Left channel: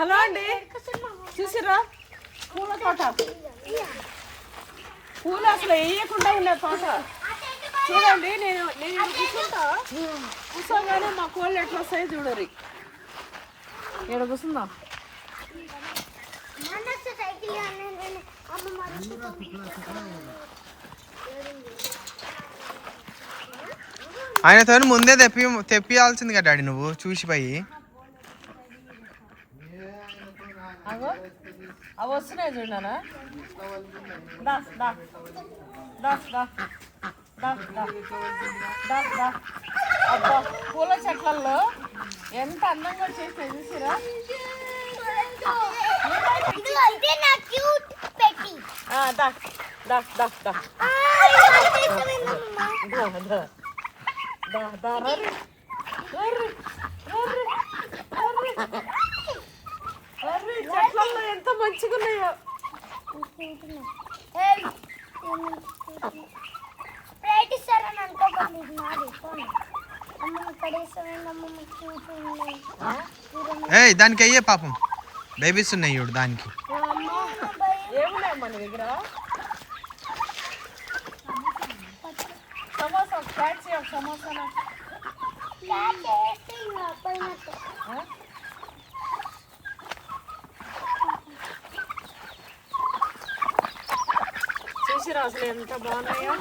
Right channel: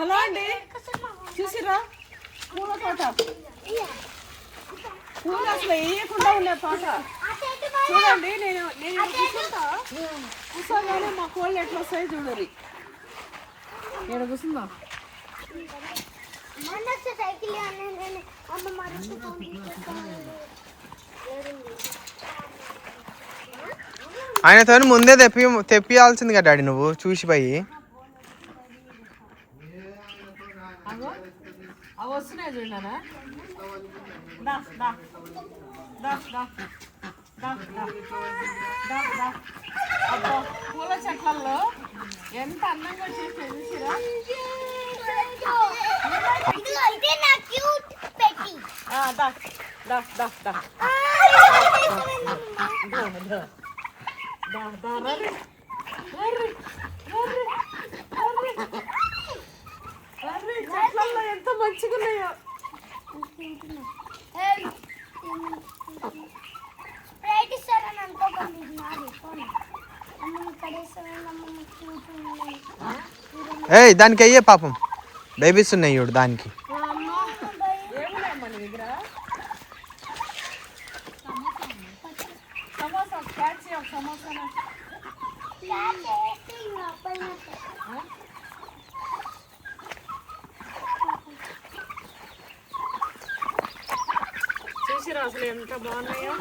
Hello అండి, చూసిరా పూల తోట. పూలు అసలు వేయకుండా ఉండే తోట చూడండి. నేను కూర్చోగానే మా కోళ్ళు ఎట్లా వస్తాయో చూడరు. ఇక్కడ కూర్చుందా. ఆయనతో ముందే తెప్పియాల్సింది కదా డాడీ, నువ్వు చూసిపోయి. అవి వస్తున్నాయి చూడనా. అబ్బా పూల చెట్లలో ఎంత అందంగా చేసి చూసిరా. చెట్లలో ఎంత మంచిగా ఉన్నాయో. ఏయ్ దానికి అయ్యే పాపం బేబీస్ ఉన్నాయి చూడు దానికి. ఏమున్నాయి మన దగ్గర? సమోసా క్యాచ్ సమోసానా. చూసిరా అసలు ఎంత బాగున్నాయో.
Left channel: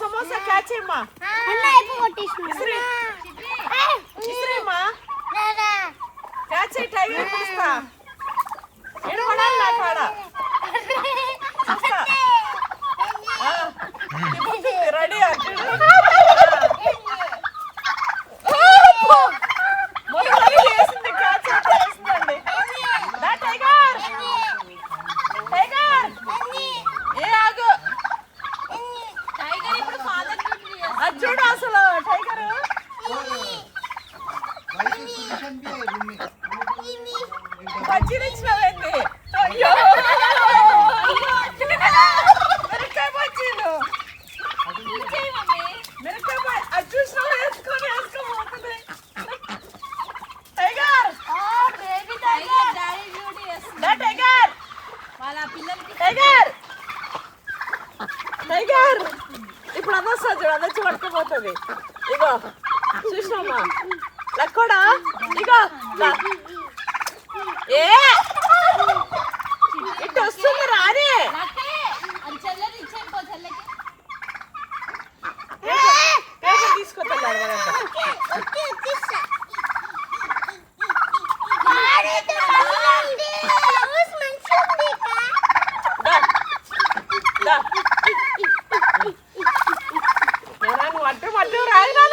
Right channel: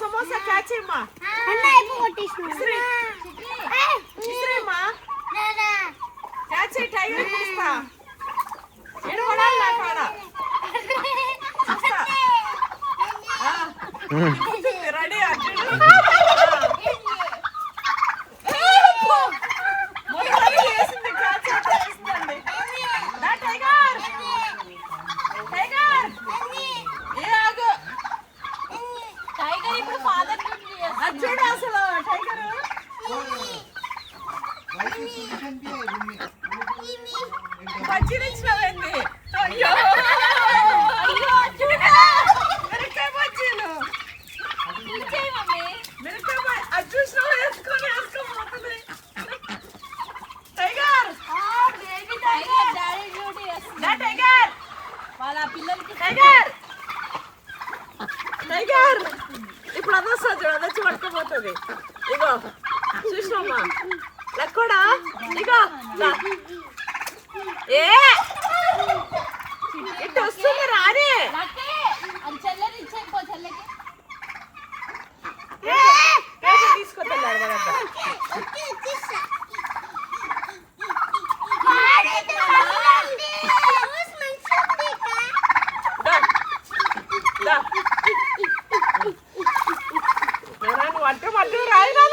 సమోసా క్యాచ్ అమ్మా. క్యాచ్ టైగర్ పిలుస్తా. రెడీ వేసింది. క్యాచ్ వేసిందండి. టైగర్ టైగర్ ఏ ఆగు. అది చూడు అసలు టైగర్ బజ్జీలు ఇచ్చినవేంది. అయ్యో మిరకాయ బజ్జీలు. మిరకాయ అది చూసిన వేసుకొని వేసుకోబోతుంది. టైగర్ టైగర్ వాళ్ళ పిల్లలకి టైగర్ టైగర్ ఇప్పుడు అదొస్తా చూడు. అదొచ్చి పట్టుకుపోతుంది. ఇగో చూసినమ్మా లక్కోడా. ఇగో ఏ ఇటు వస్తుంది రానే. తీసుకొస్తాను. వడ్డు వడ్డు రాయినా.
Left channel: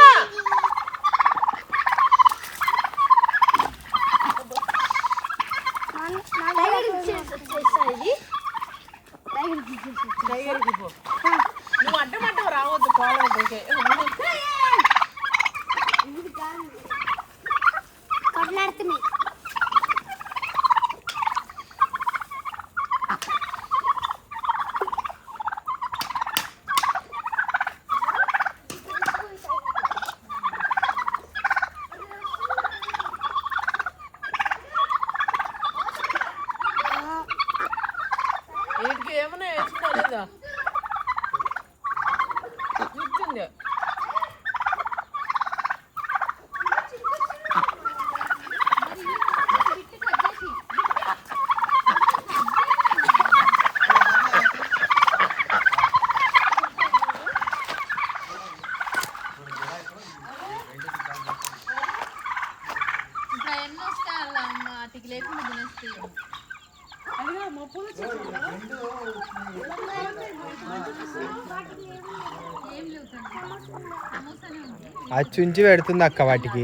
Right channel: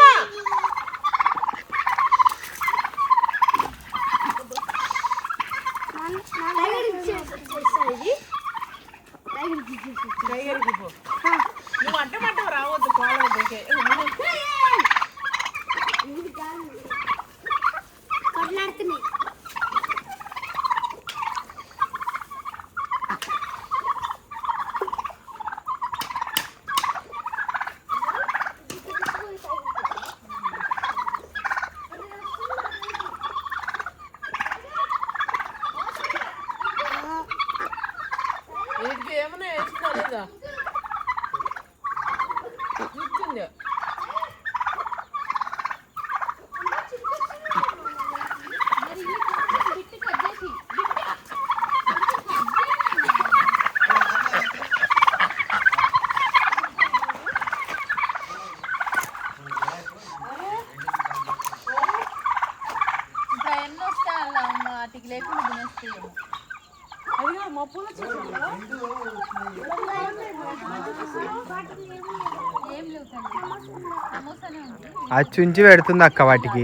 నువ్వు అడ్డమంటావు రావద్దు. పోవద్దు. వీటికి ఏమన్నా వేసుకోలేదా? కూర్చుంది. అది చుంచి పెడుతుంది అక్క వాటికి.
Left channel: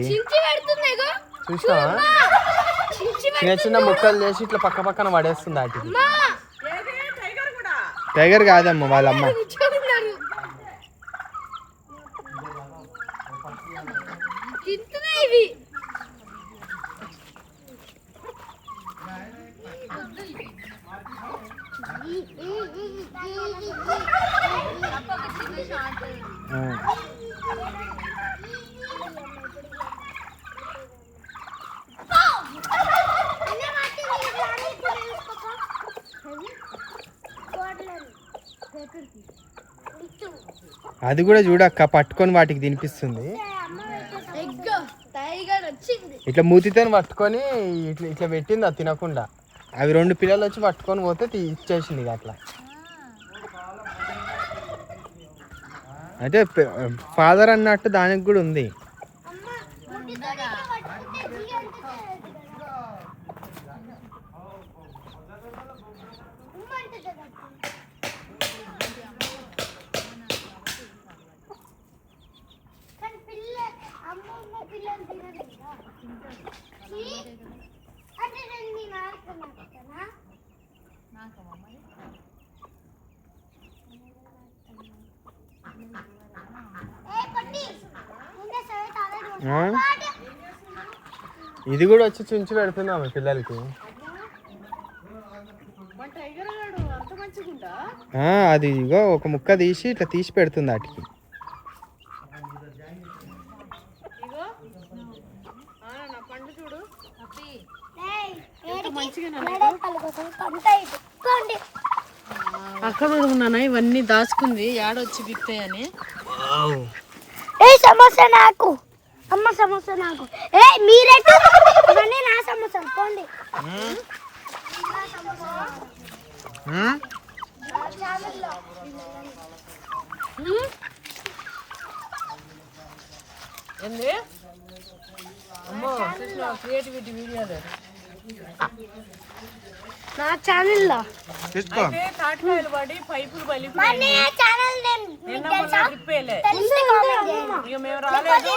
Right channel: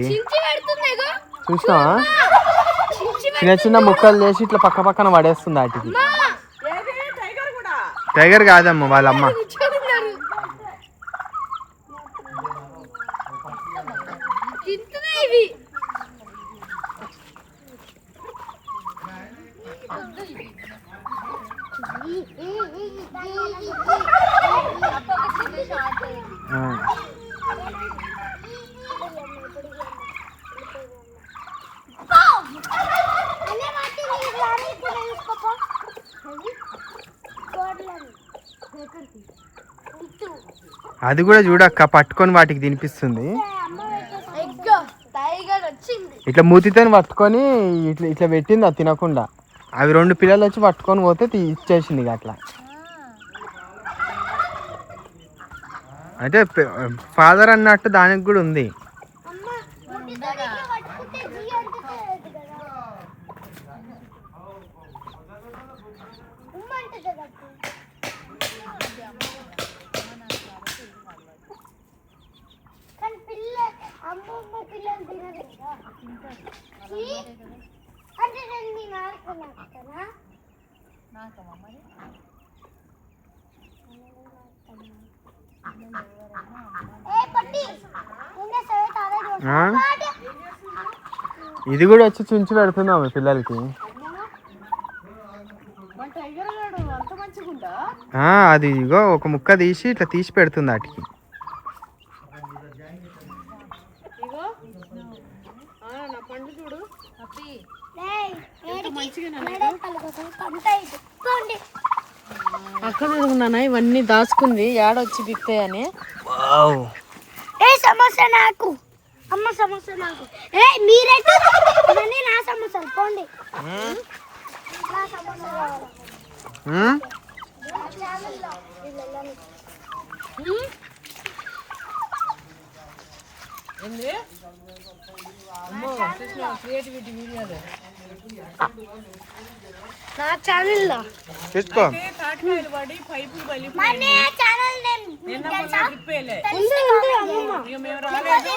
చూసినావా? చిన్న చిన్న ముక్కలు చేసి ఇట్లా పక్క పక్కన పడేస్తుంది వాటికి. టైగర్ కాదమ్మ వాళ్ళమ్మ. అది కూడా చూడక్క పట్టుకొని వాటికి తినిపిస్తుంది. ఇట్లా మూతితో పట్టుకొని ఇట్లా ఇట్లా పెట్టింది అది తినకుండా. అవి 2 పిల్లలు వచ్చి పట్టుకొని పోతే ఇచ్చేసింది ఇక అట్లా. అయితే ఫాదర్ అన్నట్టు దానికి కూడా ఉంది. ఇది కూడా వచ్చి చుంచి పెడుతున్నాము పిల్లలకి. అది ఇగో ఒక ముక్క తీసి ఇట్లా తీసి పెడుతుంది వాటికి. అక్కడ నాన్న ఇవన్నీ దాచుకుంది ఏడొచ్చి బిప్పాయని. సమోసా నాకు, అమ్మ సమోసా నాకు. మీరేటు ఇవన్నీ నా సమోసాలు పోండి. ఏంది అమ్మో క్రియేటివిటీ వీడియోలు నా ఛానల్లో తీసుకో. తాటికాయలు పడి పైపులు మన ఛానల్ మేము రాలేదు.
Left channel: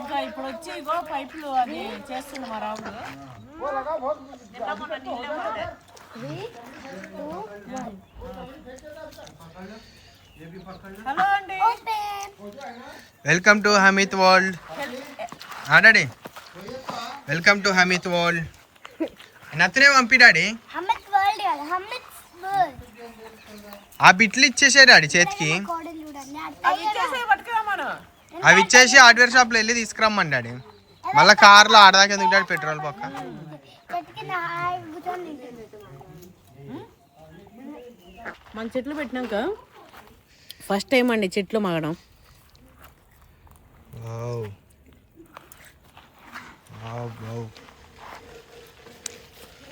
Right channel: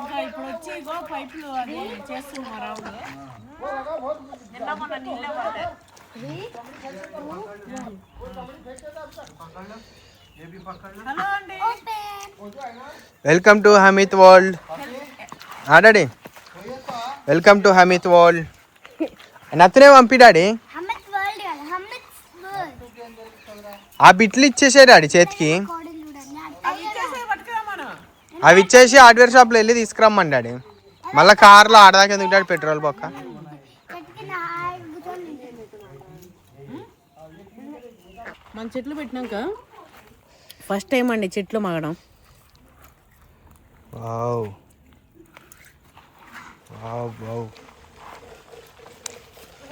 ఇంకా ఇప్పుడు వచ్చి ఇగో పైపులు అది చేస్తుంది మా రాముడు. హలో అండి, welcome to Hameed world. Daddy welcome to Hameed world. నచ్చనే పంపి డాడీ. ఆ బిట్లు ఇచ్చేసే డాడీ చేతికి. అవి ఇచ్చేసి హార్డ్వేర్ షాప్లో వెళ్ళి తీసుకురమ్మని డాడీ. మళ్ళీ కార్లో ఆడదాకా ఎందుకు డాడీ పెట్రోల్ పక్క. మన చెట్లు పెట్టినాక ఫస్ట్ టైం అండి చెట్లు మాగడం.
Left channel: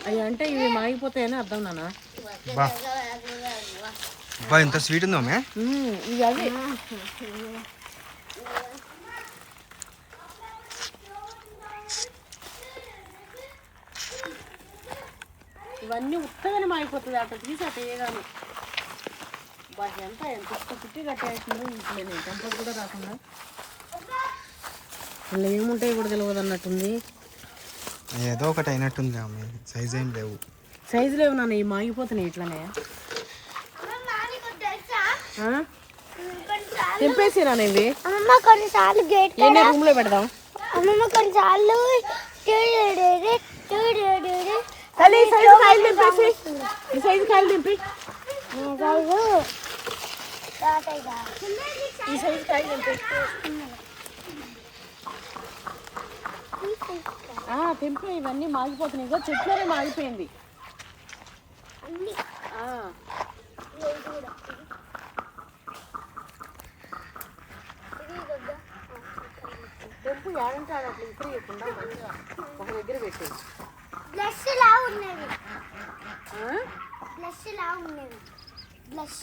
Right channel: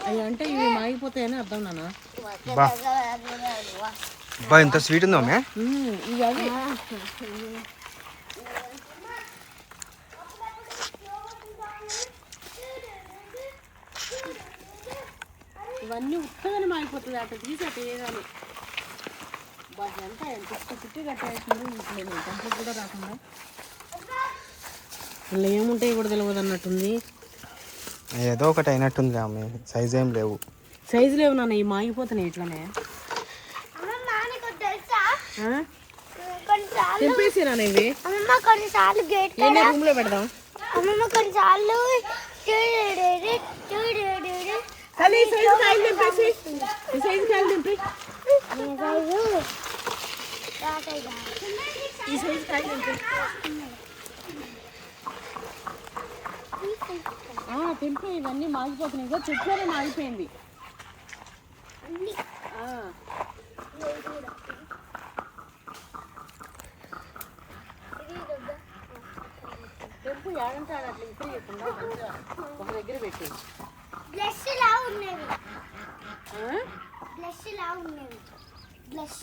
అవి అంటే ఇవి మాగిపోతాయని అర్థం నాన్న. బా ఇంత స్వీట్ ఉందో ఇవి అవి ఇవన్నీ ఉత్తగానే మాగిపోతుంది. అట్లా తీసి అట్లా వేయగాను ఎంత ఎంత చుట్టి కట్టేసిందో ఇంట్లో కంపెనీ కూడా రాకుండా. అందులో ఏముంటాయి కూడా తెలియదు అన్నట్టుంది. ఏదో ఒకటి అయినట్టుంది ఆమె. సైజ్ ఏం లేవు, సైజు లేవు నాన్న. ఇవి మాగిపోతున్నాయి ఇట్లానే. తెంపేసి నాన్న ఇవి కొన్నిసార్లు గేట్ ఏనే రూమ్ లో పెడదాం. కొన్నిసార్లు ఈ సైజు కాయలు తింపి. ఈ సైజు కాయలు తింపి. తెంపి. ఇవన్నీ మాగిపోతున్నాయి. ఇగో చెట్లోనే మాగిపోయింది. తెంపు ఏడంటే అట్లా ఇప్పటికుండా మంచిగా ఒక దగ్గర పెట్టేది. బ్లష్ లా ఉన్నవి, బ్లష్ లా ఉన్నవి. బ్లష్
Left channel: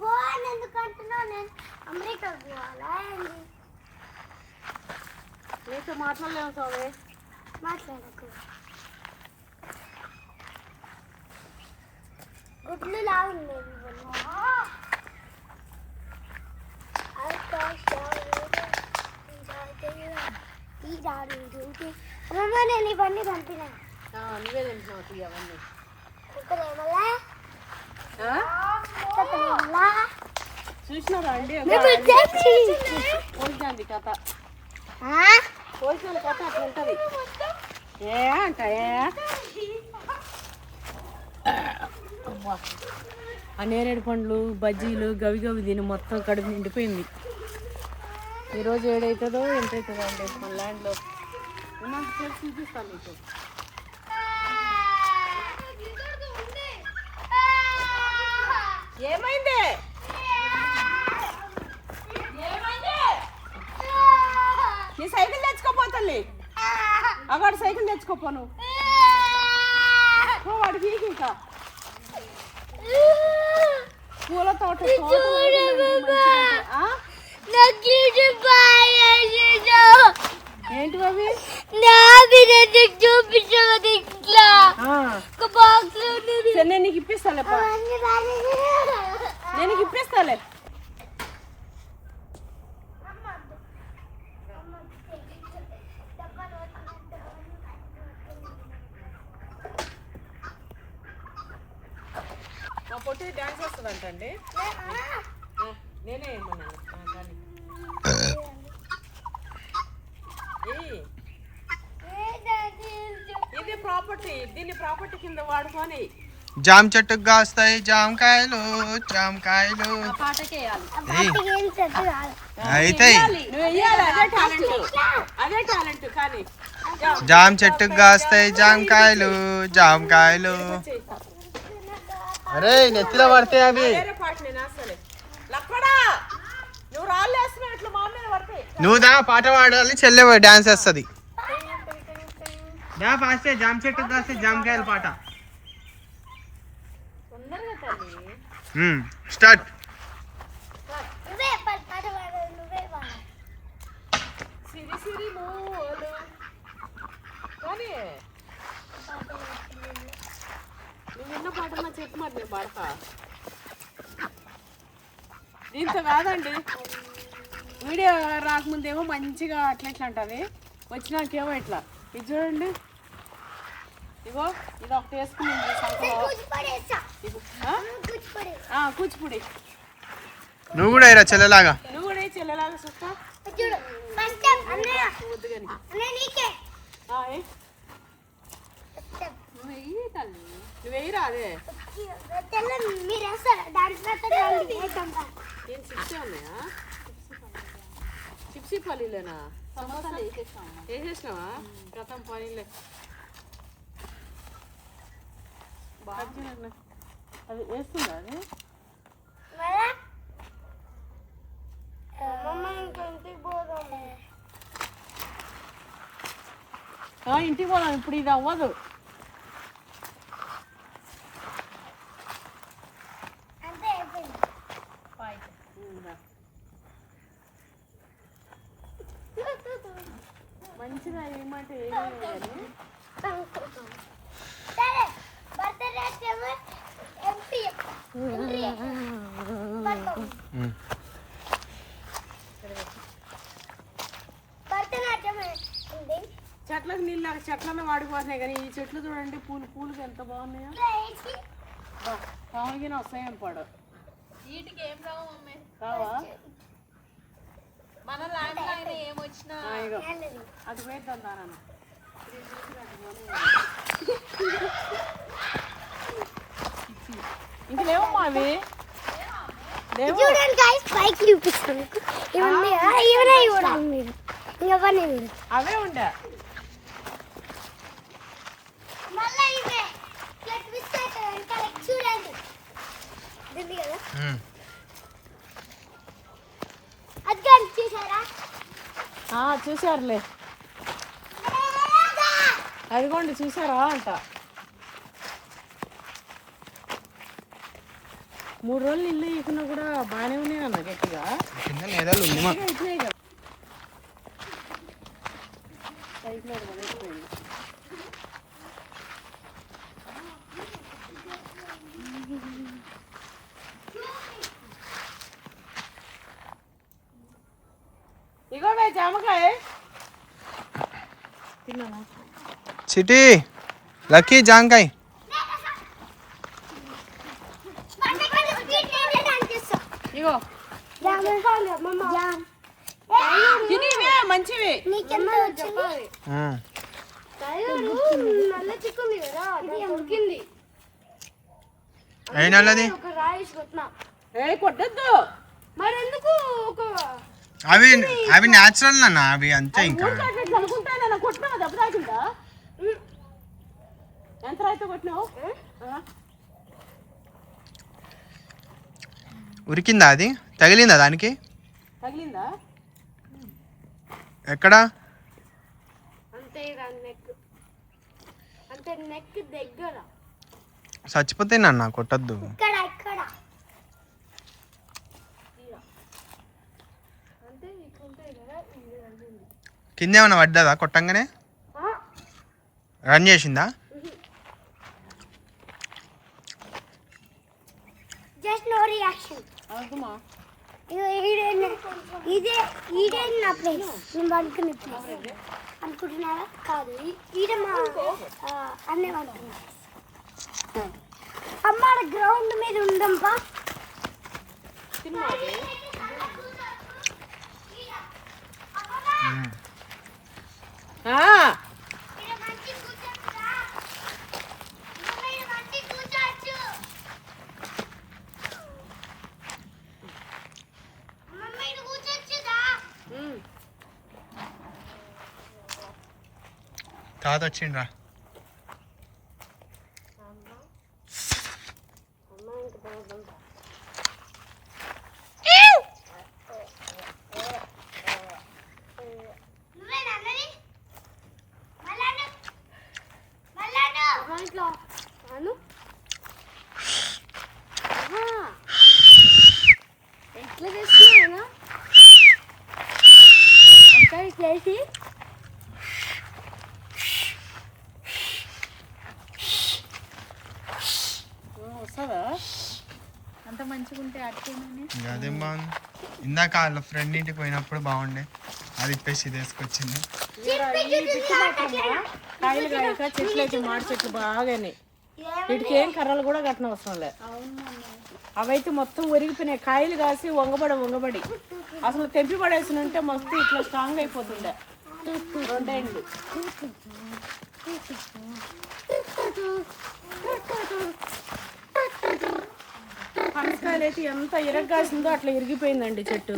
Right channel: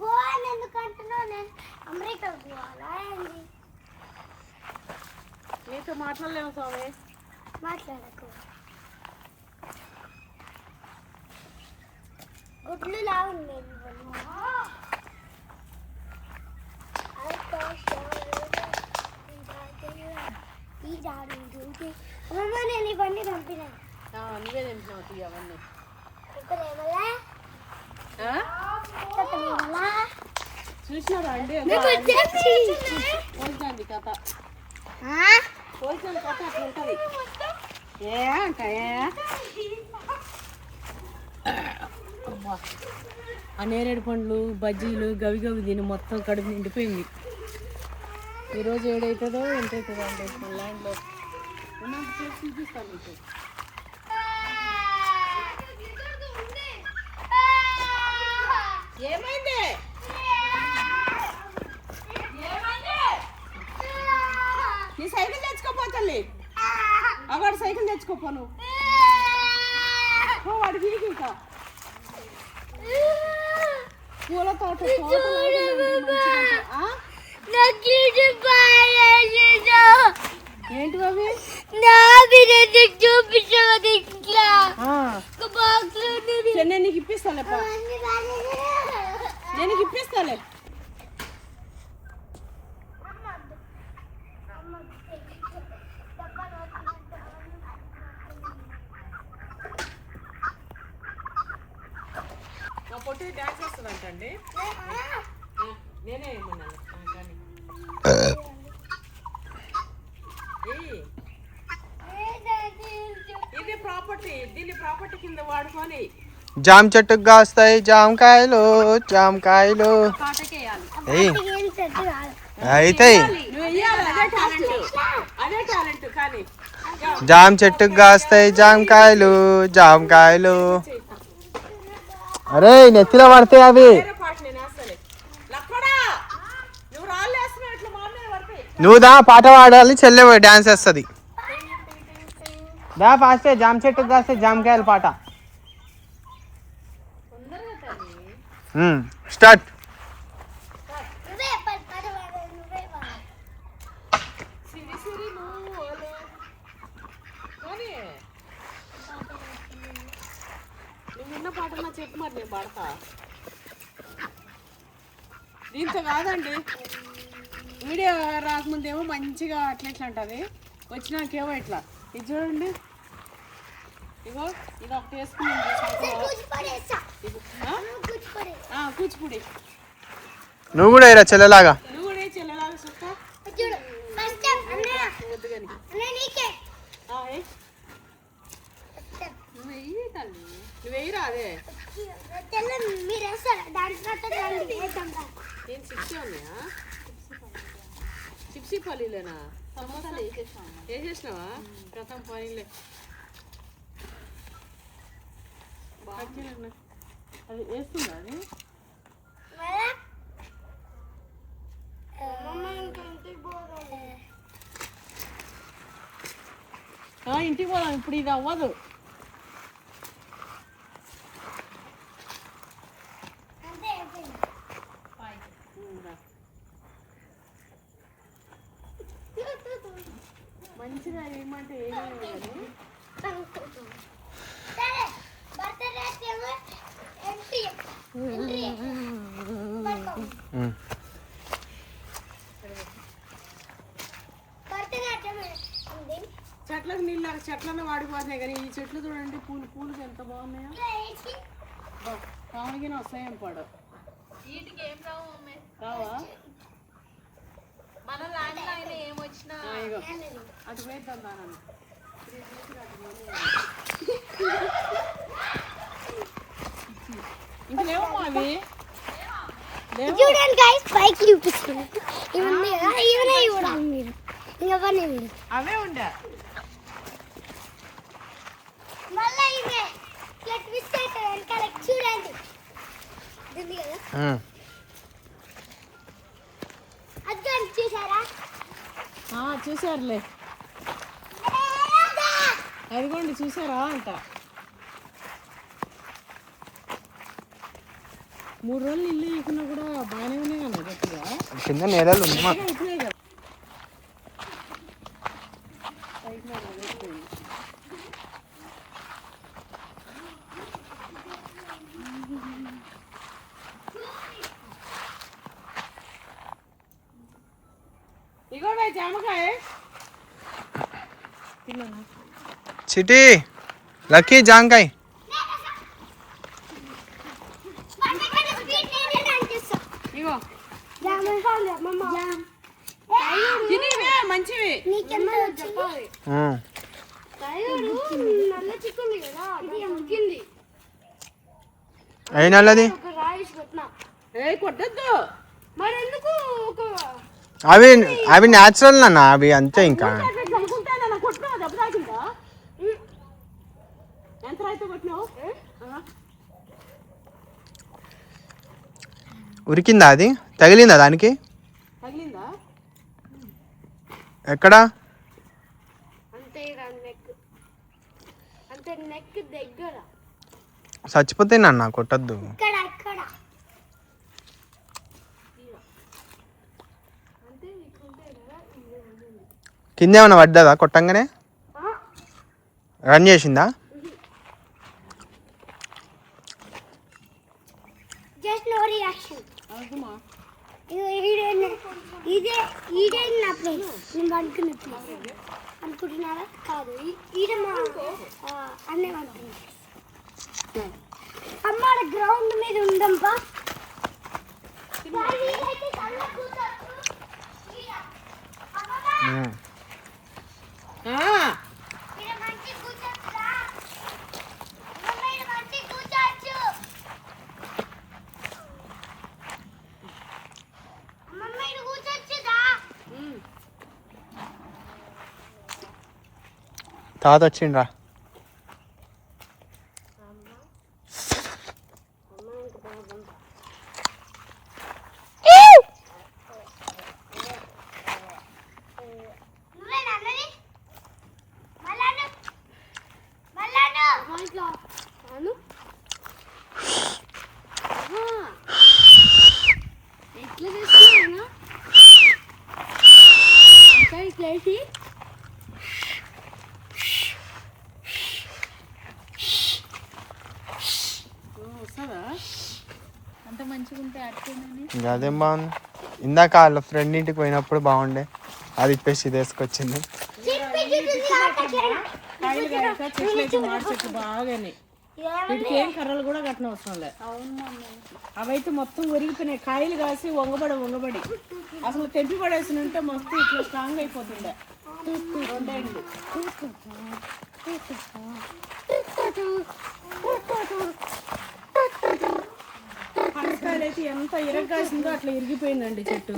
పోవాలి ఎందుకంటున్నావు? నేను అమెరికాకు పోవాలా అండి? నీతో మాట్లాడలేము స్వామి. మాట్లాడకు. గుడ్లు లా ఉండేవి. అమ్మమ్మ నేను ఇవన్నీ పంపినా. నువ్వే తెంపినావు అవన్నీ. చూసినారా అండి పోల్చాంది కథ. పోల్చిన కథ అట్లా ఉంటుంది. ఏ అంట ఆ నేరేడు పండ్లు బజ్జీలు గవి గవి తిని మొత్తం కడుపు నిండిపోయింది. ఈరోజు ఏడవుతుందో ఎంతవుతుందో అండి. మన ల్యాండ్లో ఉన్నంత సేపు చూపిస్తాను మీకు. ఏమైంది? నీ సైకిల్ తెచ్చుకోపోతల్లి. అక్కడ సైకిల్ తెచ్చుకోపోను. వాడికి ఇంకా పూల తోట ఏంటి అవి? నేను నీకు ఇప్పిస్తాలే, నేను నీకు ఇప్పిస్తాలే. మా పొట్టి డాన్స్ వేస్తుందంటండి. నేనే ఏమన్నాను కానీ ఇది ప్రాపర్టీ, దీన్ని ప్రాపర్టీ కింద వాడుకొని జామ చెట్టుకు కాస్తాయి జామకాయలు జామకాయలు అవుతాయి. అదే టాలెంట్ కానీ జామ చెట్టుకు కాస్తాయి జామకాయలు జామకాయలు. అరే నెత్తిలో పడతాయి అవి. నువ్వు దా పాట పాడాలి, చెల్లె డాన్స్ వేస్తుంది. దా పాస్తే జామ చెట్టుకు కాస్తే జామకాయలు పాట స్టార్ట్. నువ్వు విన్న పాట నా చెప్పు మరి, నేను పాడతా. దీంతో కాదండి, వీడియో రాకముందేమో మంచిగా అట్లా ఎట్లా అంటుంది, వచ్చినాకేమో ఇట్లా. ఇది చూడండి, ఇగో ఇది ఒకటి వేసుకుని కూచిపూడి. నువ్వు కూడా వేయరా చెల్లెలాగా? నువ్వు కూడా చెల్లెలాగా చూస్తా. నువ్వు వేయరా అదే. నేను చిప్సే ఉన్నాయా? చిప్సీ పల్లీలేనా? వేసేసినావా? గతం పనీలే. అది వేస్తుందా? అది ఇంటికి పోదాం ఇప్పుడు, ఇది అవ్వదు. మంచిగా ఏమంటే ఏమీ చెట్లకు నీళ్ళు చెట్లనే వాడిపోతున్నాయి, కానీ ఈ చెట్లు చూడండి పూలు ఎంత బాగున్నాయో. కావలికి వస్తాయేం పాడు కావా? అటు పోయిద్దాం దానన్న. ఇంక లేవమ్మా అవి. పైకి చూపిస్తాను మీరు, అవే ఉండే. చూసారులే, అదిగోండి చూసారా అంట. 3 రోజులు ఇల్లు ఇకున్నా కూడా బాగానే ఉన్నాయి అన్న గట్టిగా. కింద నేలలు ఉంది మా. ఇగో జామకాయ తిన్నాను. సిటీ లక్కీ జామకాయ. ఇగో మంచివి. అయినది కొట్టద్దు అవి అవి న్యాచురల్ నాన్న, అవి అంతే. ఇంకా ఉరికిందా అది? తగిలిందా దానికి? తగిలిందా? ఎక్కడా? చచ్చిపోతే నాన్న కొట్టద్దు. కింద ఏమన్నా పడ్డదా కొట్టంగానే? రన్ చేసిందా? Just no reaction. ఇదే నా ప్లేస్, నేను పడుకున్న ప్లేస్ అనుకుంటున్నారా? కాదు, ఈడ మా అన్నీ పడుతున్నా. అమ్మ గ్రౌండ్ మీద ఉందంపా. తాత వచ్చిండ్రా. ఎట్లా చేస్తున్నా చేసి వస్తుందా? అంత మంచిగా ఉంటే అట్టిందని అదేం బాగుంది. ఇందాక వాళ్ళ ఫ్రెండ్ ఇంటికి పోయినప్పుడు బాగుండే, అది ఇప్పేసి ఇది వేసుకొచ్చింది. కాయలు కాయక చెట్లు అయితే మాడి చెట్లు బాగానే, వీటికి ఏం కర్రలు కూడా కట్టిన అవసరం లే. అవైతే మొత్తం ఒరిగిపోయినాయి. కాయలు కాసి వంగబడి అసలు తెంపి పడేసి ఉంటే మస్తు ఇట్లా స్ట్రాంగ్ అయిపోతుండే. రెండేళ్ళు పనసకాయలు అయితే ఎంత ఇరగ్గాసిందో అట్లా ఇరిగిపోయిందండి చెట్టు.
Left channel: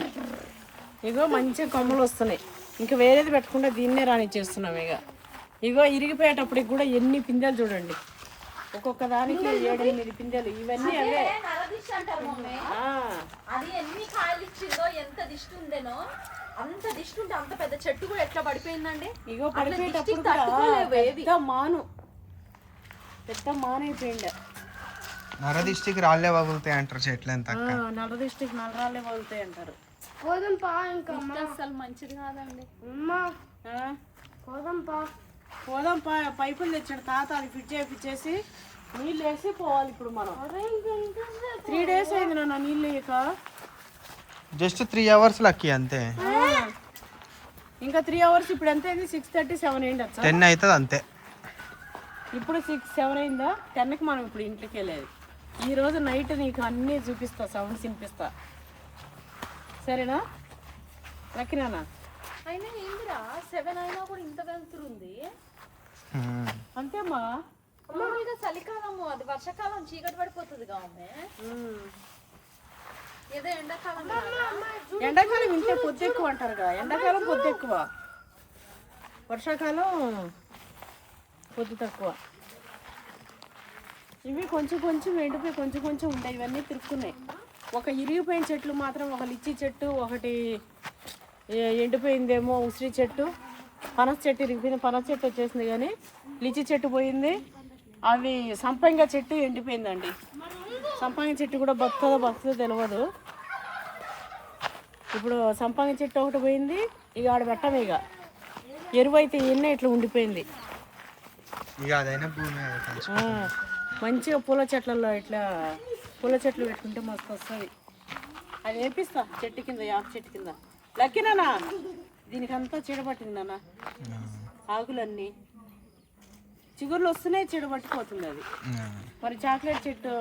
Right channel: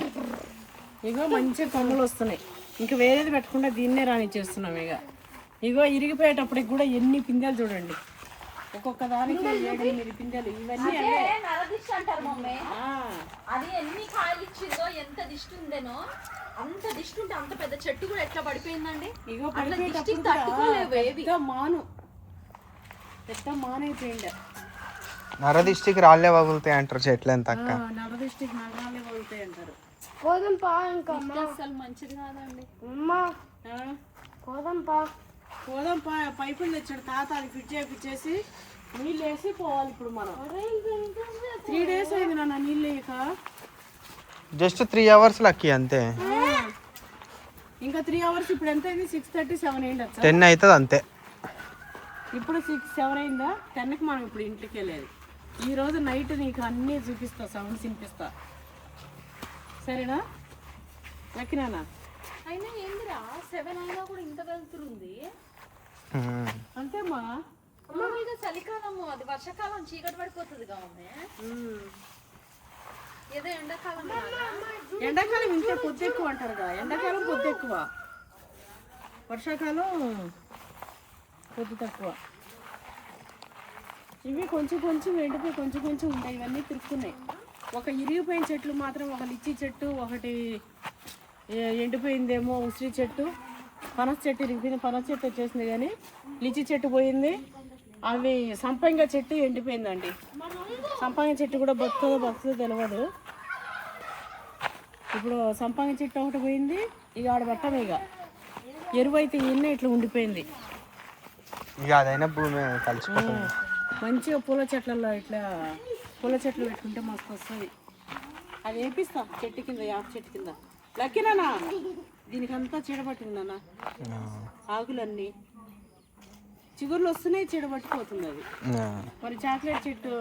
ఇగో మంచిగా కొమ్మలు వస్తున్నాయి. ఇంకా వేరేది పెట్టకుండా దీన్నే రానిచ్చేస్తున్నాం. ఇగో ఇరిగిపోయేటప్పటికి కూడా ఎన్ని పిందెలు చూడండి, ఒక్కొక్క దానికి 7-8 పిందెలు. ఇవన్నీ అవే. అది ఎన్ని కాయలు ఇచ్చిందో, ఎంత దిష్టి ఉందేనో, అంత దిష్టి ఉంటే అంత పెద్ద చెట్టు కూడా ఎట్లా పడిపోయిందండి. ఇగో పడిపోయేటప్పుడు పెద్ద మానైపోయిండే. నరదిష్టికి రాళ్ళే వగులుతాయి అంటారు చెట్లు. ఎంత నరదిష్టికి నల్లరాళ్ళే వగులుతాయి అంటారు. అసలు మంచిది కాదండి. పోదాం పైపులు తెచ్చాడు తాత, అది ఫిట్ చేసి నీళ్ళు వేసి పోవాలి. ఇప్పుడు మనం 3 days అయింది నాన్న నీళ్ళు వేయక. జస్ట్ 3 hours లక్కి అంతే. ఇంకా 3 hours. ఇప్పుడు ఎంత అయింది? 6:30-7 అయింది. 10 అవుతుంది అంతే. ఇప్పుడు 6-7 అయిందా? 10కి మనం ఇప్పుడు ఇంటికి వెళ్ళేది. ఈరోజు నైట్ నీకు అన్నీ చూపిస్తా, సౌండ్స్ వినిపిస్తా, సరేనా? లక్కినానా? అయినా ఏందిరా 7 అయినా కూడా ఇంత వెళ్తుంది అంతేమ్మా. మామూలుగా చలికాలము, అది వర్షాకాలం చీకటి పడిపోతుంది కావాలి. ఏదో ఎండాకాలం ఇంతే పొద్దు ఎక్కువ అంటారు కదా. ఎండాకాలం పొద్దు ఎక్కువ, వర్షాకాలం పొద్దు తక్కువ. ఇవి కొంచెం ఎండిపోయి కొంచెం ఉంటాయి. ఇవన్నీ తిరుక్కున్నాయి. ఒక ఇరిగిపోయిన చెట్లు మాత్రం, ఒక లిచ్చి చెట్టు, ఒకటి ఎండిపోయిందేమో ఉసిరి చెట్టు, పనస చెట్టు ఇరిగిపోయింది. పనస చెట్టు వచ్చేసింది కానీ లిచ్చి చెట్టు పోయింది. అవి సంపంగ చెట్టు ఎండిపోయిందండి. సంపంగ చెట్టు కూడా బతుకుతుందో తెలియదు. ఇప్పుడు సంపంగ చెట్టు ఒకటి పోయింది. ఇక ఆడ పెట్టం. ఇక ఎరువు అయితే ఎన్నో ఇట్లా ఉండిపోయింది. మంచిగా పూల చెట్లలో ఇట్లా పూల చెట్లు పెట్టుకుంటే మస్తు వస్తుంది. అది వేపిస్తా చెట్టు కింద, యాప్ చెట్టు కింద. లక్కినానా దీనికంతా చీడపట్టిందన్నా, ఆకులన్నీ చిగుర్లు వస్తున్నాయి, చీడపట్టిపోతుంది అది. మరి చాక్లెట్ చెట్టు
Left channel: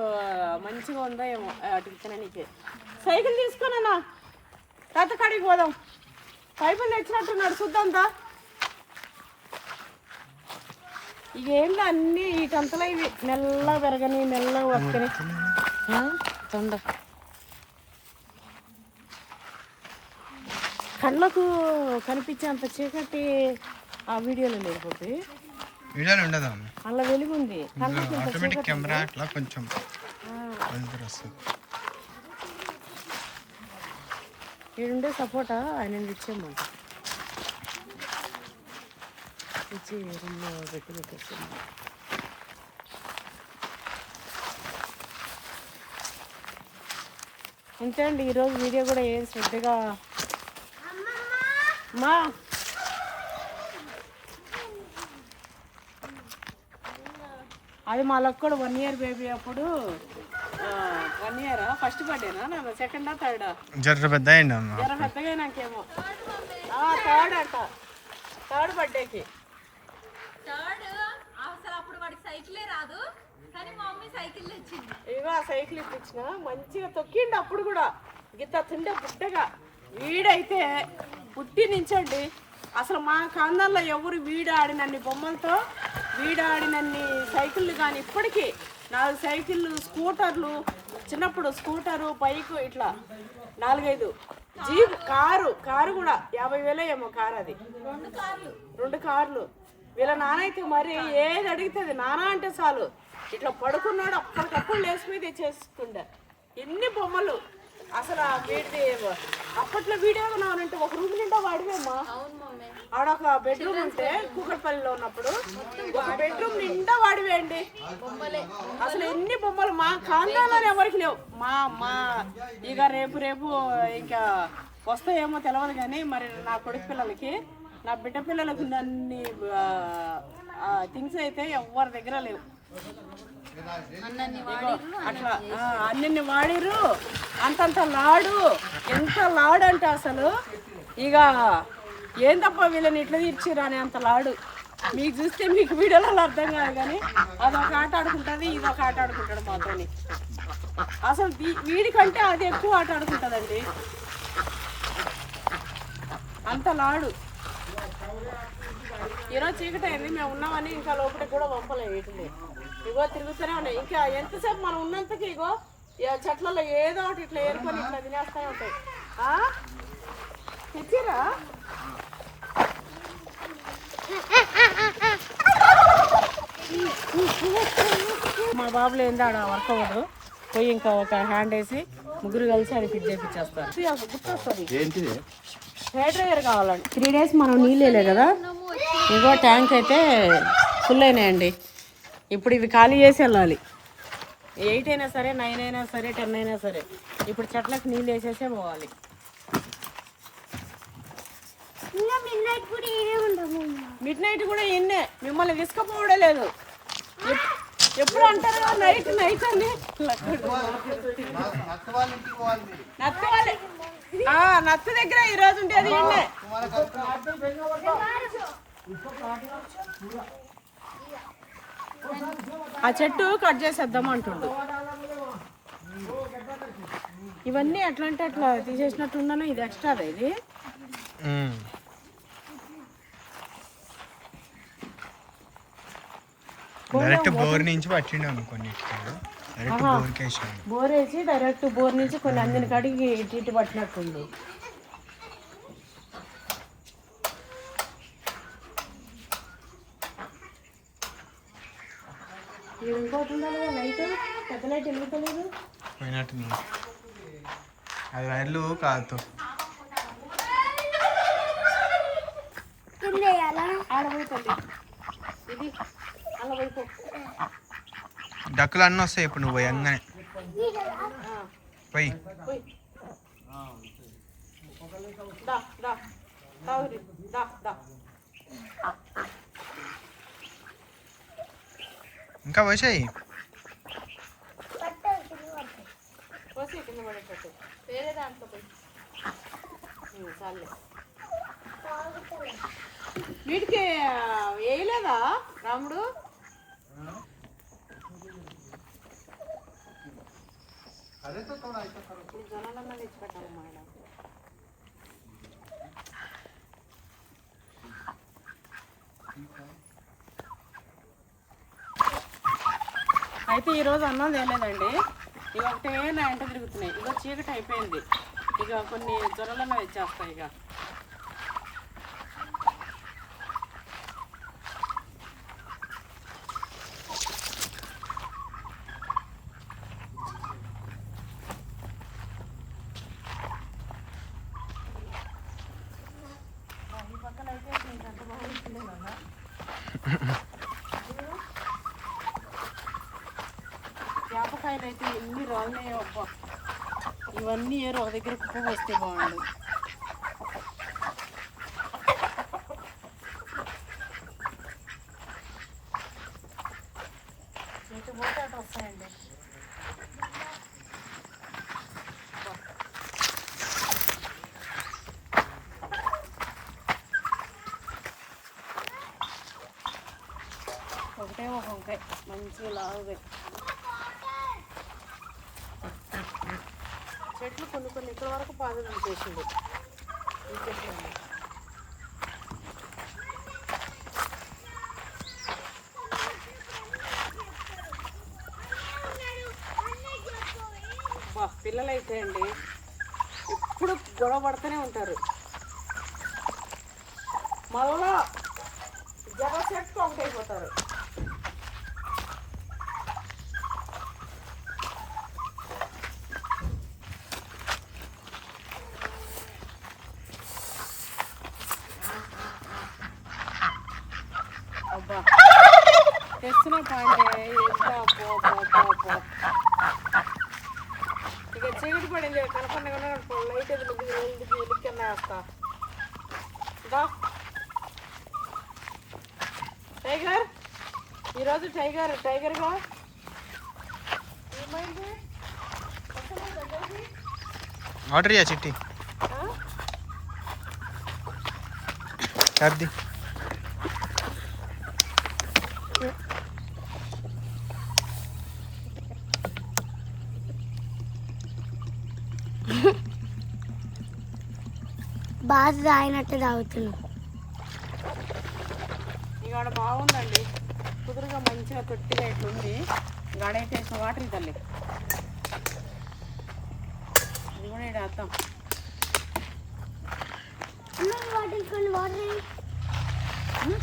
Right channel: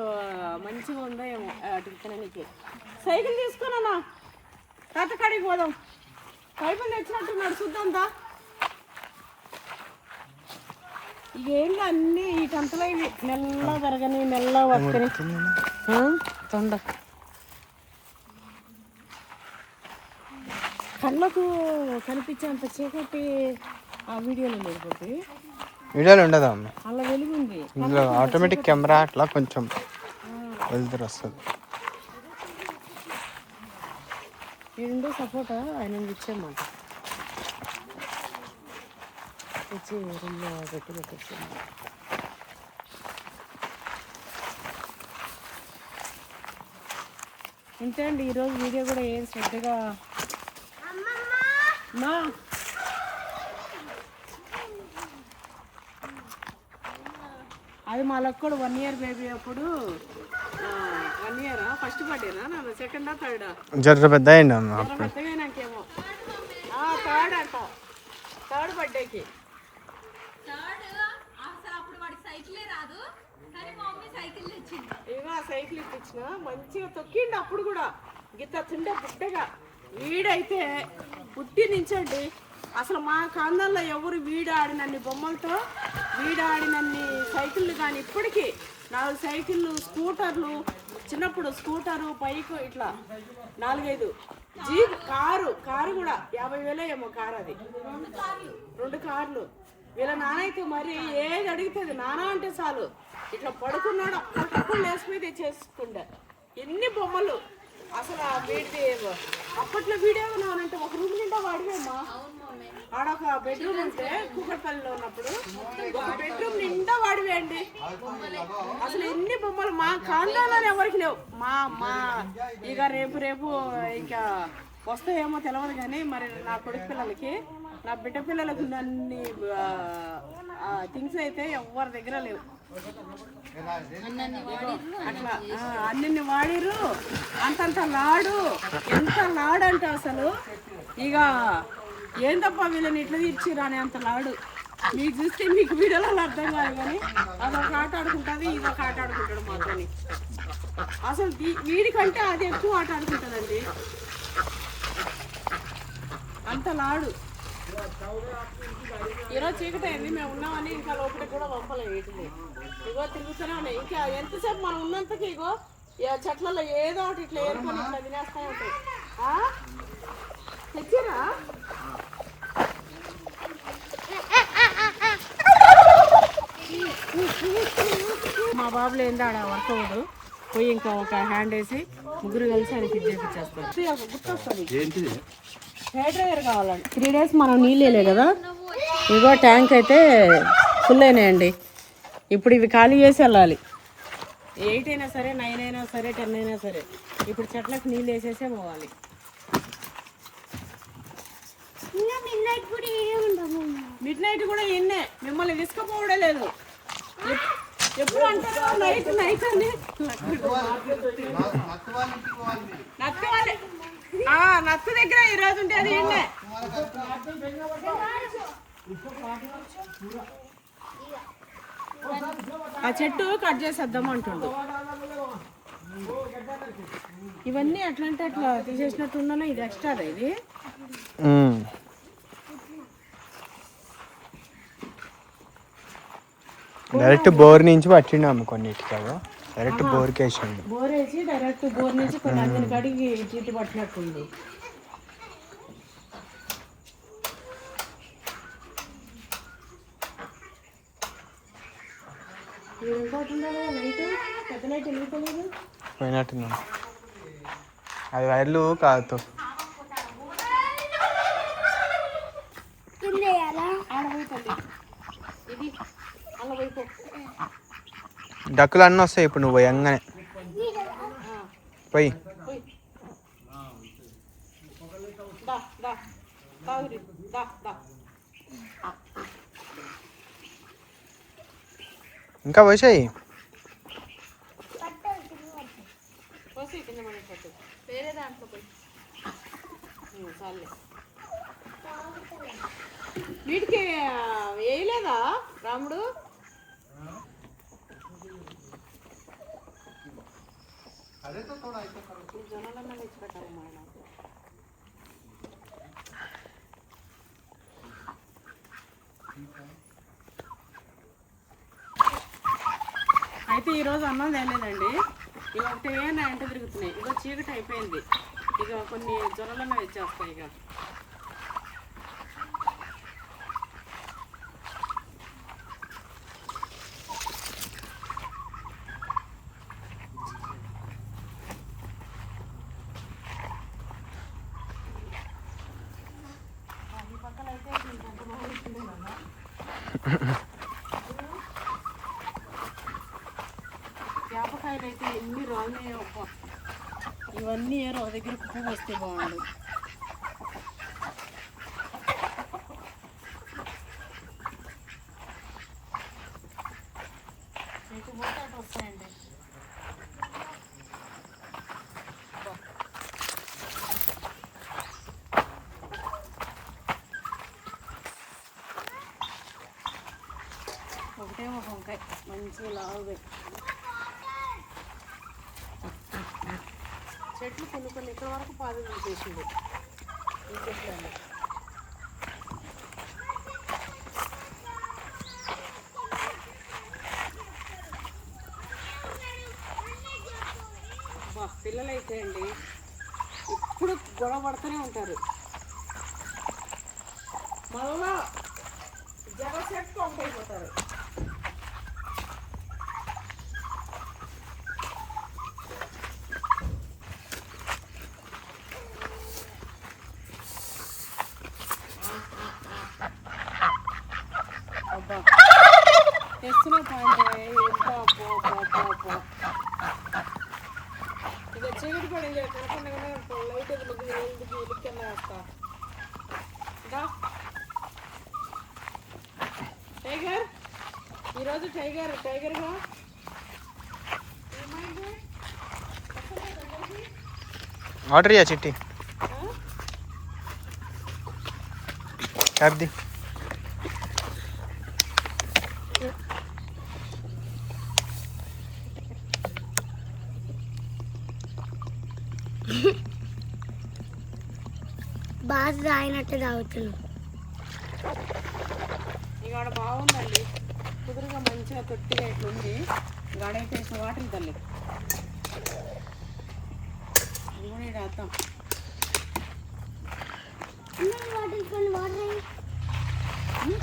మంచిగా ఉందో ఏమో అటు తిననీకే. సైకిల్ తీసుకోనన్నా, తాత కాడికి పోదాం. పైపులు తెచ్చినట్టున్నాడు, చూద్దాంతా. ఇక ఏంటో అన్నీ వీటంతలో ఇవి మెల్లగా పెరగని, మెల్లగా వస్తుంది. కళ్ళకు కనిపించేంత చీకటి ఆ వీడియోలో లేకపోతే వీడియోలో ఉండదా? అలా వెలుగుంది. ఆటోమేటిక్ కెమెరా అట్లా కొంచెం వెళ్తురు వస్తుంది. ఈడుండే సపోటా ఆయన ఇచ్చేయమంట ఇచ్చి రూమ్లో పెట్టేసాము. ఇంతే అండి ఈరోజు వీడియో కూడా ఏం శ్రద్ధగా మా అది మా లక్కడు 1 year బేబీ అప్పుడు 1 year ఫస్ట్ బర్త్డేనా నా సెకండా థర్డా జర పెద్ద అయింది అన్న జర పెద్దగా నాకేమో థర్డ్ అంట థర్డ్ బర్త్డేకి అసలు అప్పుడు వాడికి సైకిలే రాదు కానీ మా మమ్మీ సైకిల్ తెచ్చింది. ఇగో ఆ సైకిల్ ఇప్పించిన మంచిగా తొక్కిండి అప్పుడు కూడా గిత్త తిండే బుట్టగా వీడైతే పుట్టి నుంచండి అసలు మా కాందాల్లో ఎవరు వీడాడినన్ని బొమ్మలతో వీడాడినన్ని సైకిళ్ళు కానీ ఇప్పటికీ 4 సైకిళ్ళు స్కూటర్లు చిన్నప్పుడు స్కూటరు బైకు ఇట్లా 4-5 జీప్ కారు కూడా 50,000 ఏమో కారు అది 2 కార్లు వీళ్ళ నాన్న అయితే మరి ఏది అడుగుతుంది నాన్న అంటే చాలు ఇట్లా పడుకున్నాడు అప్పటికప్పుడు లేచి తెచ్చేస్తుండే ఎన్ని బొమ్మలు అసలు ఆ వీడి అప్పట్లో వీడియో ఉన్నానంటే ఒక రూమ్ నిండా వాడివేమ్మా ఆడొక బెడ్రూమ్ ఉంటే కూకట్పల్లిలో ఉన్నప్పుడు ఒక బెడ్రూమ్ నిండా వాడివేయండి అసలు ఎన్ని బొమ్మలు మా కాందాలోనే ఎవరికి లేవు మా ఇక రేపు ఇంకా వస్తాయేమో తెలియదు కానీ మరి నా కొడుకు పిల్లలకి నా బిడ్డ పిల్లలకు అన్ని థింగ్స్ అయితే ఎవరి దగ్గర లేవు అట్లా అన్ని వాడిరు అంతంత లాడు ఎంత లాడు అంటే అసలు ఇక ఏందప్ప వీళ్ళని ఇట్లా తీర్చిరు అని అంత లాడు మీకు చూస్తే మీకు వీడియోలో అర్థం కాదు కానీ అదొక ఆట ఆడుకుంటుంది ఇదొక ఆట ఆడుకుంటాడు మాతోని అసలు వీడికంటే అది ఎక్కువ ఆట ఆడుకుంటుందండి అంత లాడు ఈరోజు చీకటి అయింది మేము ఉన్నామని ఇంకా లోపలికి కూడా పంపలేదు వీటిని ఇగో తిరుగుతూనే ఉన్నాయి ఇంకా ఎంతసేపు మనం ఉన్నంతకి ఇగో చెట్లలో ఏదో ఒకటి ఇట్లా ఏరుకొని ఇట్లా తినేస్తూ ఉంటాయి తెచ్చిరా మా బాబులో ఏందో ఆడ వర్క్ అవ్వదు పోయి ఇంకా ఒక హ్యాండ్ వేసి ముగ్గురు కలిసి అది ఫిట్ చేయించేస్తారు గుర్తొస్తుంది హెయిర్ డ్రైయర్ కావాలండి 3 days మనం నీళ్ళు వేయలే కదా ఇగో ట్యాంక్ అయితే ఫుల్ అయినాయండి ఇప్పుడు ఇవి ఖాళీ చేసి వెళ్ళాలి 8 అయినా సరే 9 అయినా సరే 10 అయినా సరే ఇప్పుడు చెట్లకు నీళ్ళు వేసేసే పోవాలి మిడ్ నైట్ కూడా ఎన్నే మిమ్మల్ని తీసుకుపోవడే లేదు ఎప్పుడు అంటారు నైట్ అని నత్త దగ్గర ఈరోజు ఉండేది ఎన్నే ఆ చెట్టు కట్ చేసేద్దాం అంటుండు ఇవన్నీ ఎట్లా అంటే అట్లా తీసేసినట్టున్నాను ఇది ఎక్స్ట్రా ఇది డైరెక్ట్ బోర్ నుంచి పట్టినాము కొన్నిటికి డైరెక్ట్ బోర్కి వేసినాము బోర్ వేసి డైరెక్ట్ బోర్ నుంచి కొన్ని అందిన కాడికి ఇటు పట్టినట్టుంది ఇంకోటి లైట్ పెద్ద లైట్ వెలుగుతలేదు పోయినట్టున్నాను అది వైర్లు కాదు ఆడబోతుంది ఇది అలా వైపు డక్కులు అన్నీ వస్తాయి ఇప్పుడు నువ్వు పోయంగానే పోయి దా దా తాగురి దా దా ఇంకా పోసాయి పోసి కింద పడేటట్టు వేరే దాంట్లో పోయి చాలే వీటికి వేయలేదా రాముడు జనాలన్నా తెచ్చిపెట్టాలి మేడం అయితే ఈరోజు అన్నం తేలేదండి ఇక ఒకటే నా ఎంట తిరుగుతున్నాయి ఇక చీకటి అయిపోయింది ఇక కొన్ని జ్వరాలన్నా వచ్చేస్తాయి ఇక వేపకాయలు అయితే ఎన్ని రాలినాయో అబ్బా. ఇవన్నీ ఏరో ఒక దగ్గర కుప్ప వస్తే బాగుండు. ఎటు పోతే అటు వస్తాయండి. ఒకటే ఒక వంకాయ మంచిగా లావుగా. చెట్లు కొన్ని కొన్ని ఇక్కడ వరకు పాదులు చేసిండు ఈ చెట్లు. పిల్లలైతే అండి ఎప్పుడు గొడవ పడుతూనే ఉంటారు. మళ్ళా జగసేట్టు అయిపోతారు. అబ్బా తెస్తున్న పాయింట్ ఎంత పో ఇక చీకటి పడింది కనుక లైట్ ఎదురుకన్నా వేస్తా. టైగర్ ఈరోజు టైగర్గా ఏమైంది? ఆర్డర్ చేయా చిట్టి సర్ది. బాగా తాగినట్టు తాగుతున్నాం. ఇవాడ బాగుందండి, కుదురుగా మంచిగా తొట్టిగా ఇట్లుంది. గాడైతే వేసిన వాటర్ తల్లి ఇది కూడా ఇక్కడ వేద్దాం.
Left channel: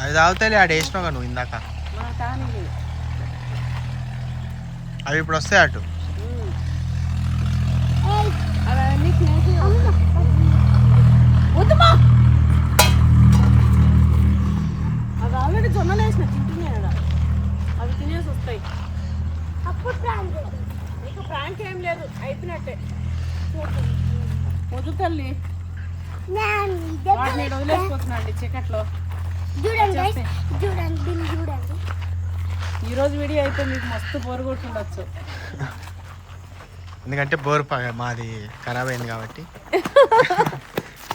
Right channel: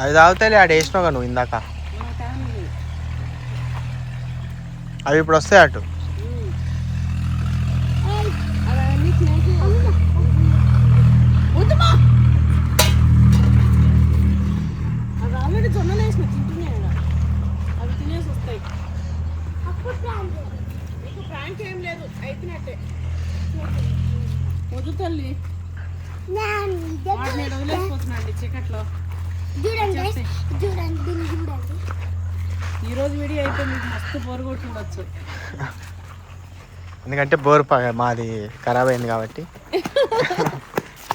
అది తాగుతాయి ఆడ వేసినావు నువ్వు ఇందాక. మనకు తాగని అవి ఇప్పుడు వస్తాయి అటు. అవన్నీ తినేసి వద్దుమా. అది ఆల్రెడీ జొన్నలు వేసిన తింటున్నాయి కదా, అవి తినేసి వస్తాయి. అప్పుడు నీకు ప్రాంక్ ఏం లేదు, అయిపోయినట్టే. వద్దు తల్లి, వాటిని వదిలేసిపోతున్నాండి చీకట్లో. చూడండి దీన్ని చూడండి. ఈరోజు వీడియో అయితే మీకు మస్తు బోరు కొట్టుండొచ్చు, ఎందుకంటే బోర్ మాది ఖరాబ్ అయింది కాబట్టి,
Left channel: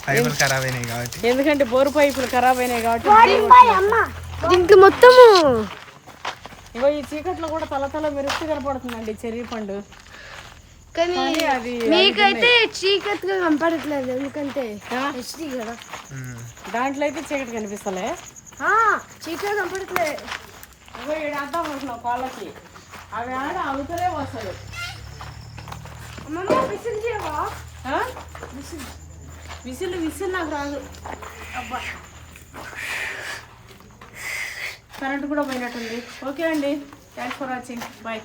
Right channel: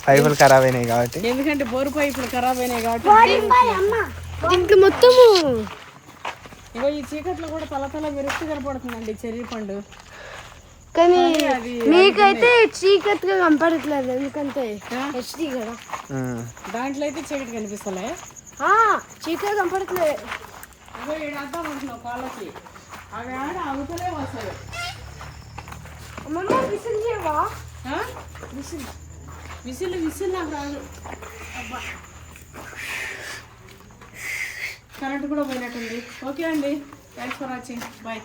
పైపులు ఖరాబ్ అయినాయి కాబట్టి. ఎందుకంటే బోరు పైపులు ఖరాబ్ అయినాయి కాబట్టి. దీనికి మొత్తము ఇగో ఈ చీకట్లో కూడా తల మెరుస్తూ కనపడుతుందండి చెర్రీ పండు. కానీ అది మీకైతే చీకటిగా కనపడట్లేదు, ఎందుకంటే హెచ్డి కదా. దాంట్లో అయితే చీకటి కనిపిస్తలే, చీకటి కనపడట్లేదు. ఇగో ఏడు అర్థం అనుకున్నావు కాళ్ళకి, అవి ఆడ అవుతలే వస్తాయి. విసిల్ చేయవా? విసిల్ నాకు రాదు. అబ్బా కరెంట్ కూడా పోయినట్టుంది. ఓకే అండి, థ్యాంక్స్ ఫర్ వాచింగ్, బాయ్.